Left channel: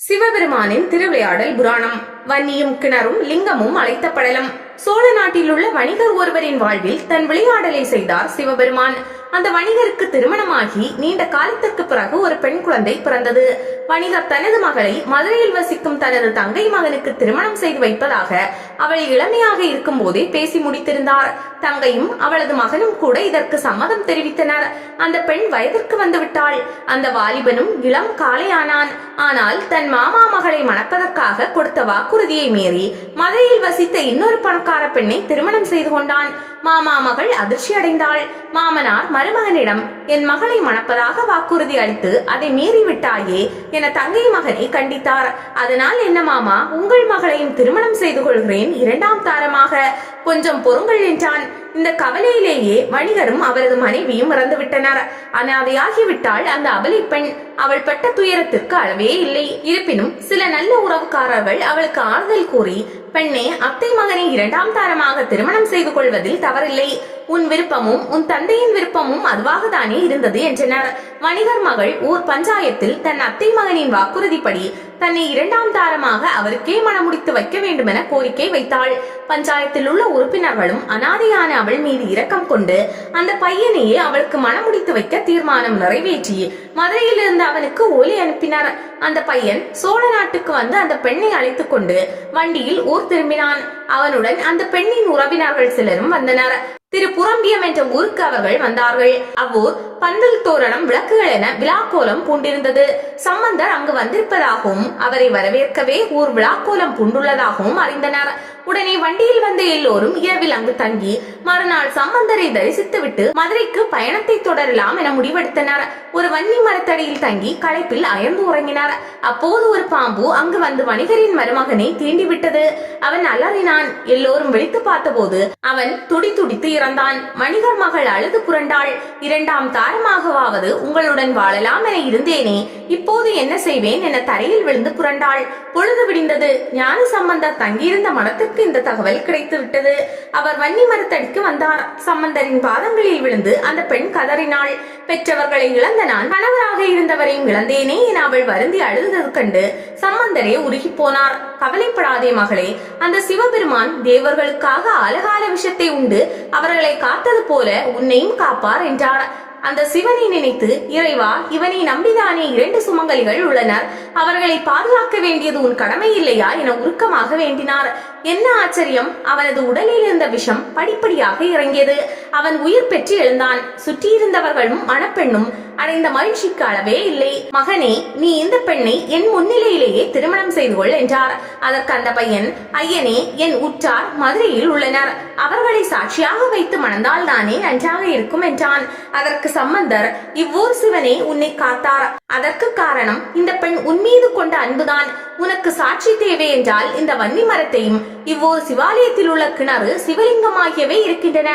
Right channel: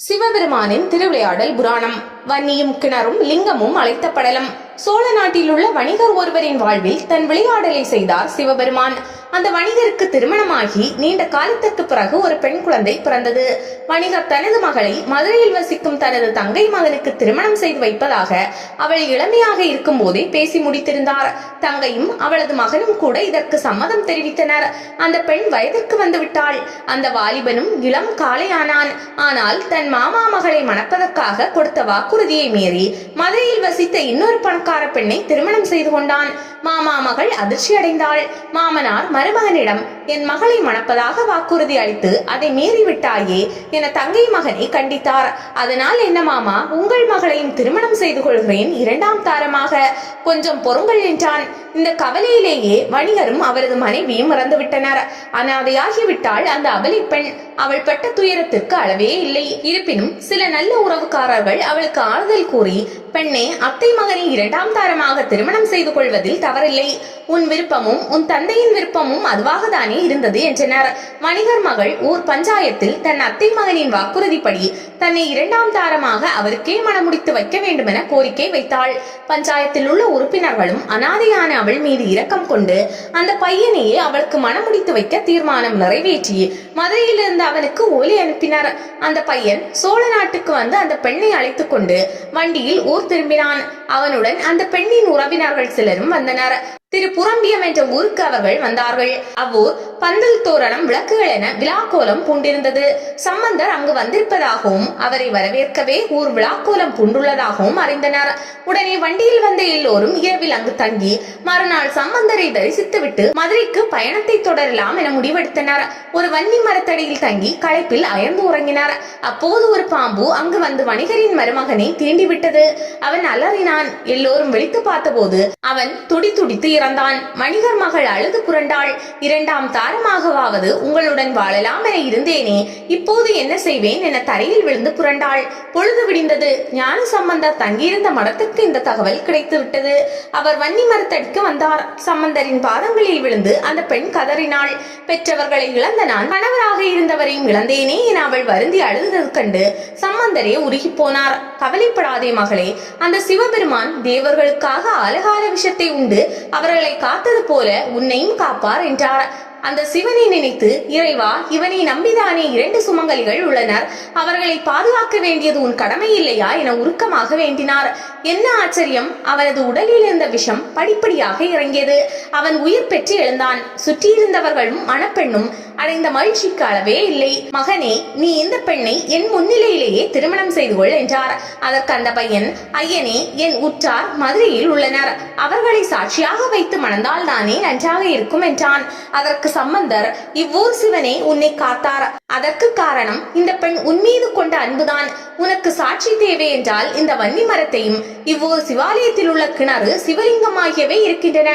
சிவபெருமானின் திருவிளையாடல் புராணம். வன்னியும் கிணறும் லிங்கமும் அழைத்த படலம். சோழ நாட்டில் உள்ள வணிகர் ஒருவரின் வாழ்வில் தன் விளையாடலை செய்தார் சிவபெருமான். அந்த வணிகருக்கு திருமணமாகி நீண்ட காலத்திற்கு பிறகு ஒரு பெண் குழந்தை பிறந்தது. வணிகர் தனது மகளை மதுரையில் வசிக்கும் தனது தங்கை மகனுக்கு திருமணம் செய்து வைப்பதாக அவள் இளமையாக இருக்கும் போதே பேசி முடித்திருந்தார். தங்கையும் அவளது மகனும் கூட இதற்கு சம்மதம் தெரிவித்தனர். அந்த பெண் வயதிற்கு வந்துவிட்டாள். அந்த வாலிபனும் இளம் காளையானான். ஆனால் தன் மாமா மகளை மணப்பதற்காக கொடுத்த வாக்குறுதியை மீறி மதுரையில் வசித்த இன்னொரு பணக்கார பெண்ணை திருமணம் செய்து கொண்டான். மாமா மகள் அதிர்ச்சி அடைந்தாள். மாமனார் மருமகனிடம், என் மகளை மணப்பதாக வாக்குறுதி அளித்து அதை மீறிவிட்டாயே என தங்கை மகனை கண்டித்தார். அதனால் என்ன மாமா, உங்கள் மகளையும் திருமணம் செய்து கொள்கிறேன், இரண்டாம் தாரமாக, கொஞ்சம் பொறுங்கள் என்றான். இந்த கவலையிலேயே வணிகரும் அவரது மனைவியும் இறந்துவிட்டனர். அனாதையாகிவிட்டாள் அந்த அபலை பெண். அவள் பட்ட துயரத்திற்கு அளவே இல்லை. இருப்பினும் சில நல்ல உறவுக்காரர்கள் அவளுக்கு ஆறுதல் கூறி, பெண்ணே, அத்தை மகனை இரண்டாம் தாரமாக திருமணம் செய்து கொள்வதில் தவறில்லை. உன் விருப்பமும் உன் தந்தையின் விருப்பமும் அதுவாக தானே இருந்தது என்றனர். வணிகர் மகள் ஊர் பஞ்சாயத்தில் தன் அத்தை மகனின் வாக்குறுதிப்படி தன்னை இரண்டாம் தாரமாக அவருக்கே மணமுடித்து வைக்க வேண்டும் என கோரிக்கை வைத்தாள். பஞ்சாயத்தில் உள்ள உறுப்பினர்களும் அனாதையான அவள் மீது இரக்கம் கொண்டு அந்த பையனையே அவளுக்கு மணமுடித்து வைக்க தீர்மானம் நிறைவேற்றி மதுரையில் இருந்து அவனுக்கு ஒலி அனுப்பினர். அந்த பையன் சோழ நாட்டுக்கு வந்து அந்த பெண்ணை அழைத்துக் கொண்டு வண்டியில் ஊர் திரும்பினான். அவனுடன் அந்த பெண்ணின் உறவினர்கள் சிலரும் வந்தனர். திருப்புரம்பியம் என்ற ஊருக்கு அவர்கள் வந்தார்கள். அவ்வூர் பந்தல் தோரணம் விளக்குகள் என விழாக்கோலம் பூண்டிருந்தது. சம்பந்தர் அங்கு வந்திருப்பதாகவும் அவரை வரவேற்கவே ஊர் விழாக்கோலம் பூண்டுள்ளதாகவும் அறிந்தனர். உடனே வண்டியில் வந்த எல்லோரும் இரவில் அங்கு தங்கி மறுநாள் சம்பந்தரை தரிசித்துவிட்டு மதுரைக்கு பயணத்தை தொடரலாம் என முடிவெடுத்தனர். ஒரு வன்னி மரத்தடியில் தங்கி களைப்பில் அயர்ந்து உறங்கினார். அப்போது ஒரு பாம்பு அங்கு வந்து வணிகரின் மருமகனை தீண்டிவிட்டது. அவன் அலறினான். எல்லோரும் விழித்து பார்த்தபோது அவன் துடி துடித்து இறந்தான். வணிகர் மகள் அழுது புரண்டாள். இரண்டாம் தாரமாகவாவது உங்களுடன் வாழலாம் என இருந்தேனே, இப்போது என்ன செய்வேன் என தரையில் விழுந்து புரண்டாள். பொழுது விடிந்தது. ஞான சம்பந்தர் தங்கியிருந்த மடத்துக்கு இந்த தகவல் கிடைத்து விட்டது. அவர் வன்னி மரத்தடிக்கு வந்தார். சம்பந்தரின் பாதங்களில் விழுந்து அந்த பெண் கதறினாள். பெற்றவர்களை இழந்த நான் கணவராக இருந்தவரையும் இழந்தேனே என அவள் வருந்தி அழுதது கண்டு சம்பந்தரே உருகி போனார். கவலைப்படாதே மகளே, அந்த சிவபெருமான் தேவர்களுக்காக அழகால விஷத்தை உண்டு அவர்களை காத்தது போல உன்னையும் காப்பார் என்றார். அந்த சிவனை நினைத்து, இறைவா, இவனை நம்பிதானே இரண்டு சுமங்கலிகள் உள்ளனர், அவர்களை பாதுகாக்க வேண்டியது உன் கடமை இல்லையா என உருக்கமாக வேண்டினார். என்ன ஆச்சரியம், அவனது உடலில் இருந்த விஷம் படிப்படியாக இறங்கியது. அவன் உயிர் பெற்று எழுந்தான். சுற்றியிருந்தவர்களும் மணப்பெண்ணும் அடைந்த மகிழ்ச்சிக்கு அளவே இல்லை. மகனே, நீ இந்த பெண்ணை என் முன்னிலையிலேயே திருமணம் செய்து கொள் என்றார். அதற்கு அந்த பையன், ஐயனே, என் உற்றார் மதுரையில் உள்ளனர், அவர்களை சாட்சியாக வைத்து மணந்தால் தானே நன்றாக இருக்கும் என்றான். அதற்கு சம்பந்தர், இவ்வூர் சிவனே உன்னை காத்தார். அதற்கு காரணம் இந்த பெண் உன்மீது கொண்ட அன்புதான். உனக்கு சாட்சி தேவை என்றால் இந்த வன்னி மரத்தையும் இவ்வூர் சிவாலயத்தில் உள்ள கிணறு சிவலிங்கம் ஆகியவை இருக்கின்றன.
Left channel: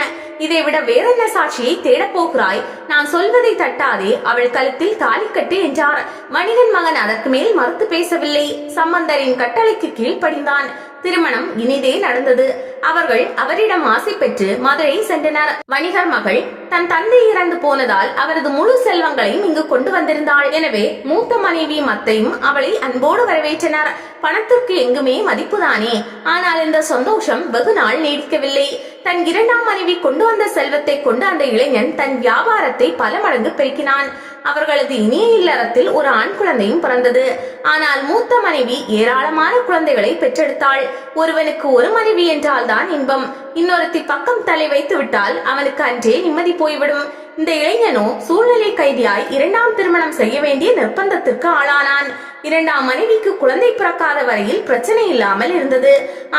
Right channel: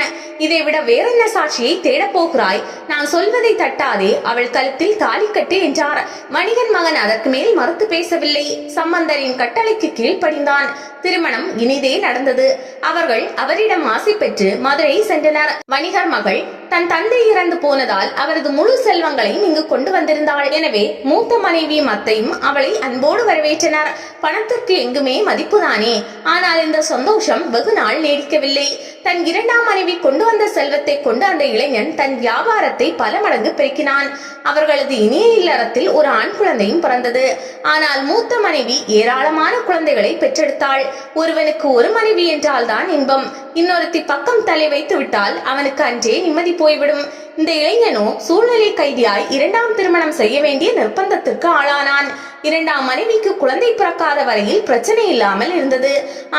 இதை விட வேறென்ன சாட்சியை தேடப் போகிறாய்? நான் சொல்வதை தட்டாதே, அவள் கழுத்தில் தாலி கட்டு என்றார். வணிகன் மகன் அதற்கு மேல் மறுத்து பேசவில்லை. சம்பந்தரின் கட்டளைக்கு கீழ்ப்படிந்தான். திருமணம் இனிதே நடந்தது. அவர்கள் அவரிடம் ஆசை பெற்று மதுரை சென்றனர். வணிகர் மகள் தன் தந்தை இறந்து போனதால் அவரது முழு செல்வங்களையும் இங்கு கொண்டு வந்திருந்தாள். எனவே மூத்த மனைவியும் அத்தையும் அவளை அன்போடு வரவேற்றனர். பணத்திற்கு எங்குமே மதிப்புதானே. ஆனால் இந்த சந்தோஷம் வெகு நாள் நீடிக்கவில்லை. தன் இரண்டாம் மனைவி கொண்டு வந்த செல்வத்தை கொண்டு அந்த இளைஞன் தன் வியாபாரத்தை பல மடங்கு பெருக்கினான். அவர்களது இனிய இல்லறத்தில் ஒரு ஆண் குழந்தையும் பிறந்தது. ஆனால் மூத்த மனைவி ஏராளமான குழந்தைகளை பெற்றெடுத்தாள். ஒருவனுக்கு ஒரு மனைவி என்றால் தான் இன்பம். இன்னொருத்தி பக்கம் தலை வைத்து விட்டால் அவனுக்கு அன்றே நிம்மதி போய்விடும். இந்த இளைஞனோ சூழ்நிலை கைதியாய் இரண்டாம் திருமணம் செய்ய வேண்டிய நிர்பந்தத்திற்கு ஆளானான். இரண்டாம் மனைவிக்கு குழந்தை பிறக்காத வரையில் பிரச்சனை இல்லாமல் இருந்தது.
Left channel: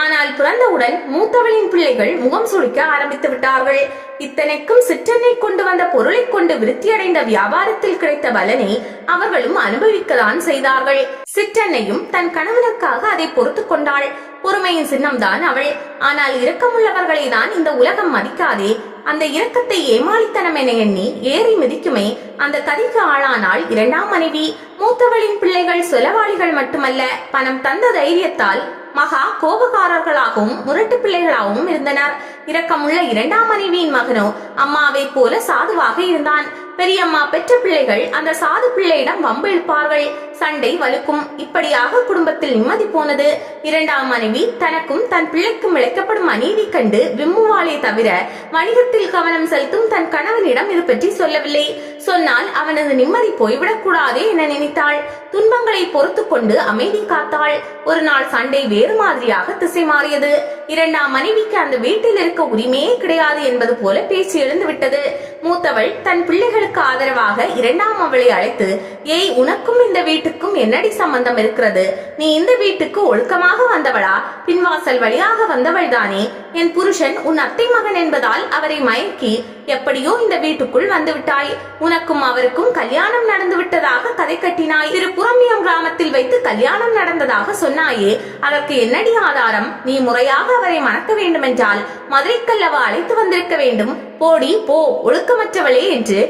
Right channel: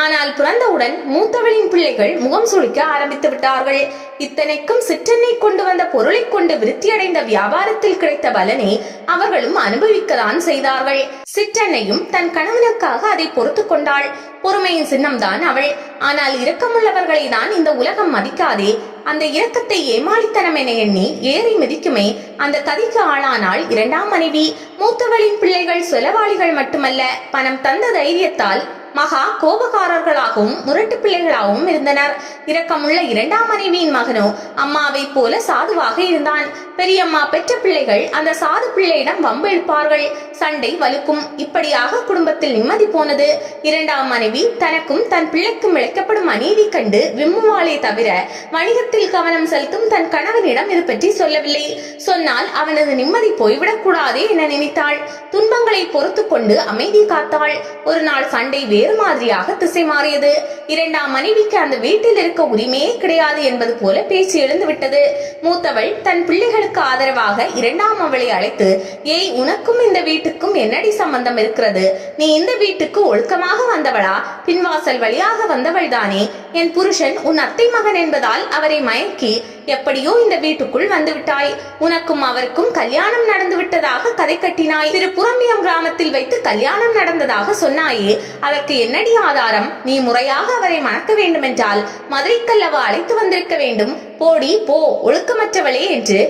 ஆனால் பிறந்தவுடன் மூத்தவளின் பிள்ளைகள் முகம் சுளிக்க ஆரம்பித்து விட்டார்கள். இத்தனைக்கும் சிற்றெண்ணை கொண்டு வந்த பொருளை கொண்டு விருத்தியடைந்த வியாபாரத்தில் கிடைத்த பலனை அவர்களும் அனுபவிக்கத்தான் செய்தார்கள். சிற்றெண்ணையும் தன் கணவனுக்காக அதை பொறுத்து கொண்டாள். பொறுமையின் சின்னம்தான் அவள். ஆனால் இரக்கமுள்ளவர்களை தான் இந்த உலகம் மதிக்காதே. அந்த இரக்கத்தை ஏமாளித்தனம் என எண்ணி ஏறி மிதிக்குமே அந்த கதிக்கு ஆளானாள் இரண்டாம் மனைவி. மூத்தவளின் பிள்ளைகள் செலவாளிகள் மட்டுமல்ல, பணம் தந்த தைரியத்தால் மகா கோபக்காரர்களாகவும் முரட்டு பிள்ளைகளாகவும் இருந்தனர். இரக்கமுள்ள இரண்டாம் மனைவியின் மகனோ அம்மாவை போல சாதுவாக இருந்தான். பெரியம்மா பெற்ற பிள்ளைகள் அந்த சாது பிள்ளையிடம் வம்பு இழுப்பார்கள், சண்டை வலுக்கும். இப்படியாக குடும்பத்தில் நிம்மதி போனது. இரண்டாம் மனைவி தனக்கும் தன் பிள்ளைக்கும் இழைக்கப்படும் அநீதி கண்டு விம்முவாளே தவிர வணிகத்தில் கவனம் செலுத்தும் தன் கணவனிடம் இது பற்றி சொல்லவில்லை. சொன்னால் அவனது நிம்மதி போய்விடக் கூடாது என நினைத்தாள். துன்பங்களை பொறுத்து கொண்டு அமைதி காத்தாள். ஒரு நாள் சண்டை வேறு மாதிரியாக திசை மாறியது. இரண்டாம் மனைவிக்கு அந்த வீட்டில் இருக்க உரிமையே கிடையாது என்பது போல பேச்சு எழுந்து விட்டது. மூத்தவள் தன் பிள்ளைகளுக்கு ஆதரவாக இரண்டாம் அவளை அழைத்து, ஏய், உனக்கும் இந்த வீட்டுக்கும் என்னடி சம்பந்தம் இருக்கிறது? நீ இந்த வீட்டுக்கு ஒழுக்கமாக வந்தவளா? பின்வாசல் வழியாக வந்தவள் தானே? என் புருஷன் உன் அத்தை மகன் என்பதால் அவரை மயக்கி எப்படியோ இந்த வீட்டுக்குள் வந்து விட்டாய். உனக்கும் அவருக்கும் கல்யாணம் நடந்து விட்டதாக கதை கட்டினாய். திருப்புரம்பியம் கிராமத்தில் வைத்து கல்யாணம் நடந்ததாக சொன்னாயே, அதற்கு என்னடி ஆதாரம்? நீ முறையாக அவரை மணக்க வேண்டுமென்றால் மதுரைக்கல்லவா அழைத்து வந்திருக்க வேண்டும். போடி போ, ஒழுக்கமற்றவளே என்று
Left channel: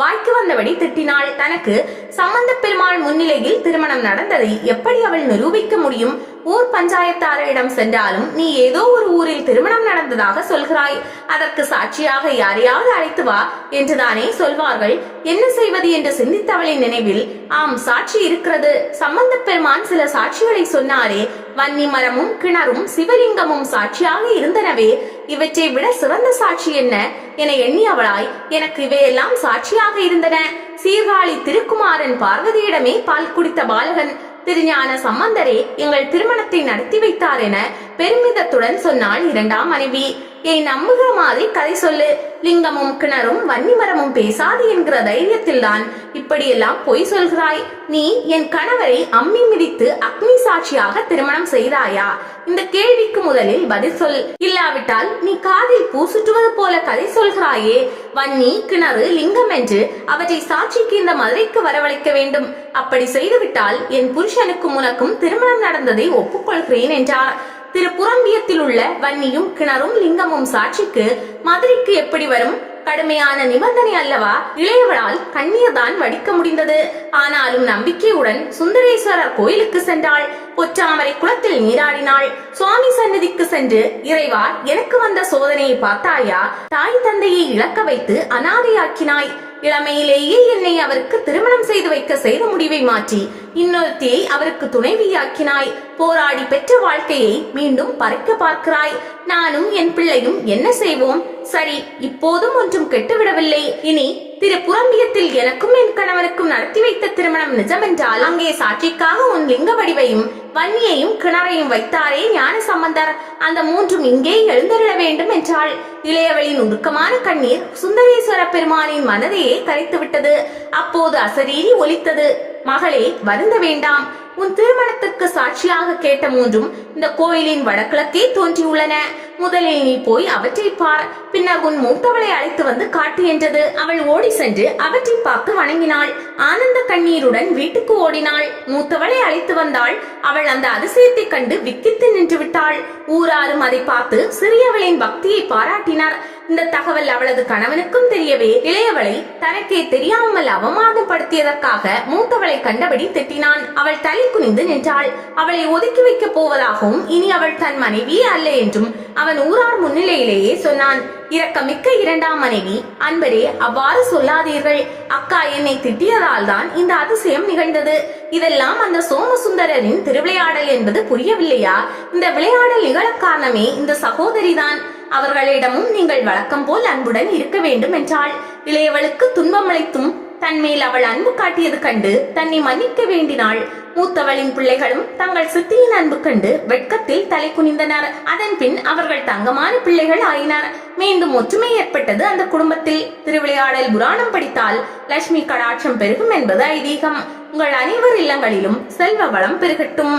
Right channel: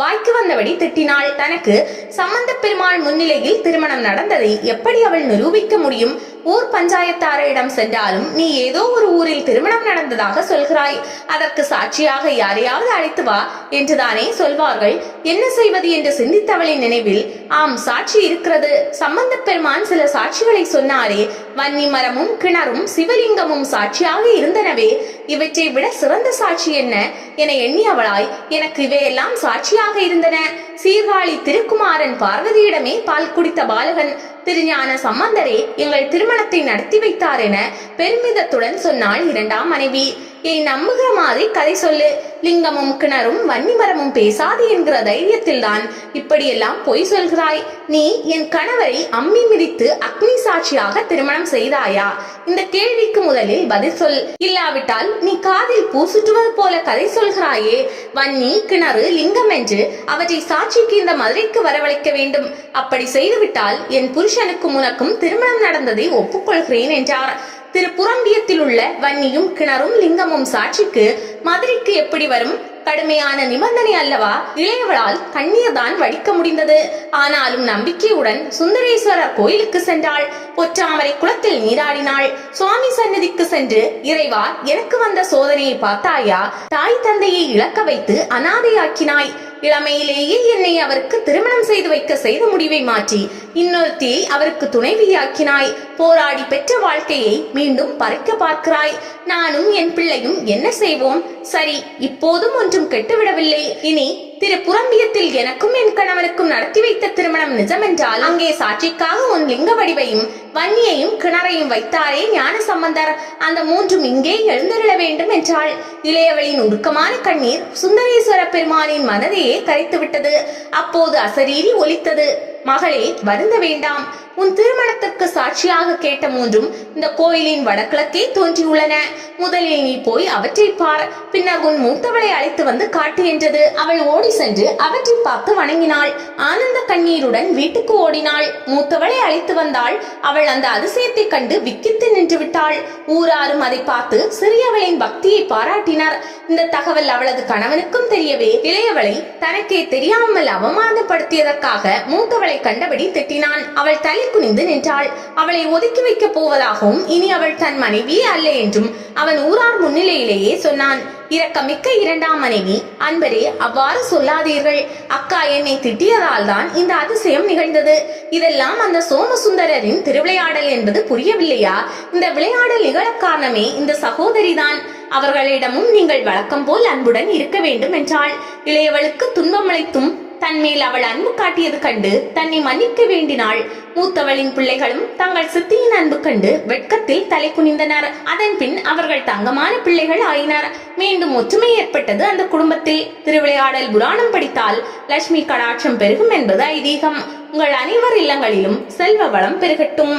வாய்க்கு வந்தபடி திட்டினாள். தனக்கு சம்பந்த பெருமாள் முன்னிலையில் திருமணம் நடந்ததை எப்படி அவள் நிரூபிக்க முடியும்? ஊர் பஞ்சாயத்தாரிடம் சென்றாலும் நீ ஏதோ ஒரு ஊரில் திருமணம் நடந்ததாக சொல்கிறாய், அதற்கு சாட்சியாக யாரையாவது அழைத்து வா என்றுதானே சொல்வார்கள். என்ன செய்வது என்று சிந்தித்தவளின் நினைவில், ஆம், சாட்சி இருக்கிறது. சம்பந்த பெருமான் சில சாட்சிகளை சொன்னாரே, வன்னி மரமும் கிணறும் சிவலிங்கமும் சாட்சியாக இருந்தனவே, இவற்றை விட சிறந்த சாட்சி என்ன என எண்ணியவளாய், எனக்கு இவையெல்லாம் சாட்சியாக இருந்தன. சீர்காழி திருக்குமாரன் பார்வதியிடமே பால் குடித்த பாலகன் திருஞான சம்பந்தரே எங்கள் திருமணத்தை நடத்தி வைத்தார் என பெருமிதத்துடன் சொன்னாள் இரண்டாம் மனைவி. ஏய், நம்புகிற மாதிரி கதை சொல்லு. லிங்கமும் கிணறும் வன்னிமரமும் பேசாது என்கிற தைரியத்தில் தான் இப்படியெல்லாம் பொய் சொல்கிறாய். நீ என் கணவரை அம்மி மிதித்து அக்னி சாட்சியாக திருமணம் செய்தாயா? இந்த கேள்விக்கு முதலில் பதில் சொல். இல்லாவிட்டால் நீ காதில் பூசுற்றுவது போல கதை சொல்கிறாயே. வன்னி, கிணறு, லிங்கம் என்று அவற்றை சாட்சிக்கு இந்த மதுரைக்கு வரவழைக்க வேண்டும். அப்படி செய்துவிட்டால் என் புருஷனுக்கும் உனக்கும் திருமணம் நடந்ததை ஒப்புக்கொள்கிறேன் என்றார். திருப்புரம்பியத்தில் உள்ள வன்னியும் கிணறும் லிங்கமும் சாட்சிக்கு மதுரைக்கு எப்படி வரும்? கடுமையான நிபந்தனை அல்லவா? இளையவளால் கண்ணீர் தான் வடிக்க முடிந்தது. ஆனாலும் நம்பிக்கையுடன் சுந்தரேஸ்வரர் கோயிலுக்கு சென்றாள். பொற்றாமரை குளத்தில் நீராடினாள். சுவாமி சன்னதிக்கு சென்று, இறைவா, எனக்கு வந்த சோதனையை பார்த்தாயா? தாய் தந்தையை இழக்க வைத்து அனாதையாக்கினாய். இளமையிலேயே என்னை அவருக்கு திருமணம் செய்து வைக்க செய்த முடிவை மாற்றி இன்னொருத்தியை அவருக்கு துணைவியாக்கினாய். போராடி பெற்ற வாழ்க்கையை மீண்டும் பறிக்க பார்க்கிறாய். நானும் என் பிள்ளையும் என்ன செய்வோம்? சரி, இப்போதும் ஒன்றும் கெட்டுவிடவில்லை. இனி திருப்புரம்பியத்தில் எனக்கும் என் கணவனுக்கும் நடத்தி வைத்த திருமணம் நிஜமென்றால் அங்கே சாட்சிக்காக உன் லிங்க வடிவையும் வன்னியையும் கிணறையும் வைத்தாரே ஞான சம்பந்தர், அந்த மூன்றும் இங்கே எழுந்தருள வேண்டும் என்றாள். இளையவளின் உருக்கமான கண்ணீர் சுந்தரேஸ்வர பெருமானின் மனதையே கரைத்து விட்டது. அப்போது அசரீரி ஒலித்தது, மகளே, வருந்த வேண்டாம். உன் திருமணத்துக்கு சாட்சியாக கேட்ட மூன்றும் இந்த கோயிலின் வடகிழக்கே தோன்றியுள்ளன. முதலில் நீ போய் அவற்றை பார், பின்னர் உன் மூத்தவளை அழைத்து வந்து காட்டு என்றது. அவள் ஓடி சென்று அவற்றை பார்த்து வணங்கினாள். ஆனந்த கண்ணீருடன் வீட்டுக்கு ஓடினாள். மூத்தவளை அழைத்து வந்தாள். அவள் அந்த அதிசயத்தை கண்டு விக்கித்து நின்று விட்டாள். ஊராரும் அதை பார்த்து சிறியவளின் பக்தியை பாராட்டினார். இந்த தகவல் அவளது கணவனுக்கும் தெரியவே இளையவளை தனக்கே தெரியாமல் அவமானப்படுத்தியதற்காக மூத்தவளை கண்டபடி திட்டினான். அவள் தலை குனிந்து நின்றாள். அவளை ஒதுக்கி வைக்க போவதாகவும் இனி அவள் தன் மனைவியே அல்ல என்றும் அவன் ஊரார் முன்னிலையிலேயே சொன்னான். இரக்கமிக்க இரண்டாம் மனைவி, அன்பரே, அவ்வாறு சொல்லாதீர்கள். அக்கா என்னை திட்டியதால் தான் இந்த அதிசயம் நிகழ்ந்தது. இதெல்லாம் அந்த சோமசுந்தரரின் திருவிளையாடல் என்பது புரியவில்லையா? இந்த விளையாடல் நிகழ காரணமே இந்த சகோதரிதான். அவர்களிடமும் நீங்கள் வழக்கம் போல் அன்புடன் இருக்க வேண்டும் என்றாள். இளையவளுக்கு துன்பமளித்தும் தன்மேல் அவள் அன்பு காட்டியது கண்டு தன்னை மன்னிக்க வேண்டினாள். மூத்தவளின் பிள்ளைகளும் தங்கள் சித்தியின் அன்பு கண்டு வெட்கத்தில் தலை குனிந்தனர். அதன் பின் அவர்கள் தங்கமான பிள்ளைகள் ஆயினர். மீண்டும் ஒற்றுமை ஏற்பட்டது அந்த குடும்பத்தில். திருவிளையாடல் புராணம் படித்தால் லட்சுமி கடாட்சம் பெருகும் என்பது ஐதீகம். உங்கள் அனைவர் இல்லங்களிலும் செல்வ வளம் பெருகட்டும்.